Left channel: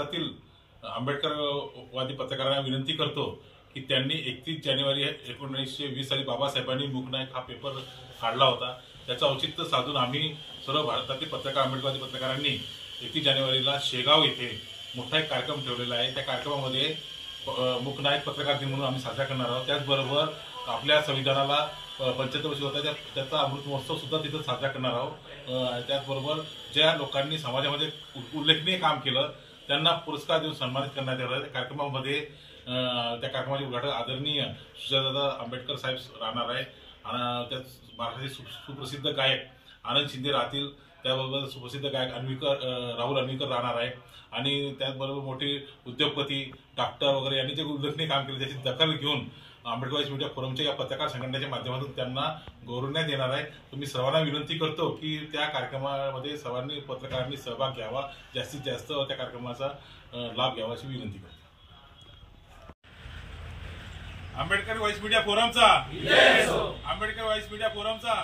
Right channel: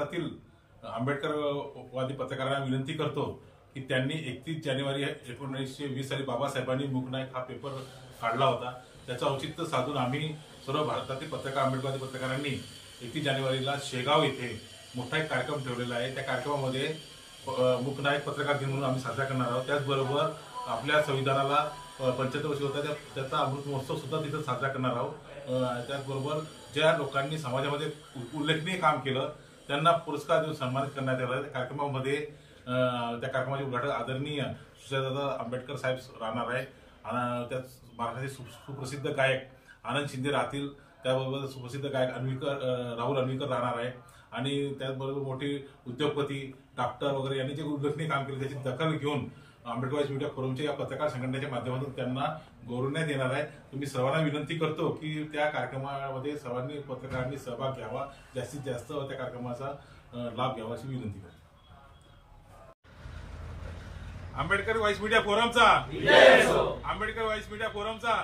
भारतातील आंबेडकरवादी पत्रकारांना विनंती करतो की त्यांनी 31 जानेवारी 1920 साली बाबासाहेबांनी मूकनायक हा पेपर काढला होता। त्याचं औचित्य साधून आम्ही सर्व भारतातील पत्रकार आंबेडकरवादी पत्रकारांनी 31 जानेवारीला शेगाव येथे मोठा एक कार्यक्रम ठेवलेला आहे। त्या कार्यक्रमामध्ये मूकनायक पत्रकार दिन म्हणून आम्ही साजरा करणार आहोत। त्याचबरोबर आपल्या संविधानाला 75 वर्ष होत आहे त्याचा अमृत महोत्सव सुद्धा तिथे साजरा करणार आहोत। त्याचबरोबर ज्या लोकांनी समाजामध्ये उल्लेखनीय काम केलं त्यांना पुरस्कार देऊन सन्मानित करण्यात येणार। कार्यक्रमामध्ये त्या कार्यक्रमाचे उद्घाटन आदरणीय सुजातादादा आंबेडकर साहेब राहणार आहे। त्यात महाराष्ट्राचे सुप्रसिद्ध गायक आनंद शिंदे राहतील। त्याबरोबर सुप्रसिद्ध गायक राहुल अन्वीकर राहणार आहे आणि त्याचबरोबर मोठे उद्योगपती डॉक्टर वगैरे यांनी जे उल्लेखनीय काम केले त्याची दखल घेऊन आंबेडकर वाईस मीडिया फोरमच्या या पत्रकार संघटनेच्या माध्यमातून त्यांना गौरवण्यात येणार आहे। तुम्ही सर्वांना विनंती करतो की त्या कार्यक्रमामध्ये सर्वांनी पत्रकारांनी सहभाग घ्यावा, जास्तीत जास्त त्या कार्यक्रमाचा लाभ घ्यावा अशी विनंती करतो। आंबेडकर वाईस मीडिया फोरमचा आंबेडकर वाईस मीडिया फोरमचा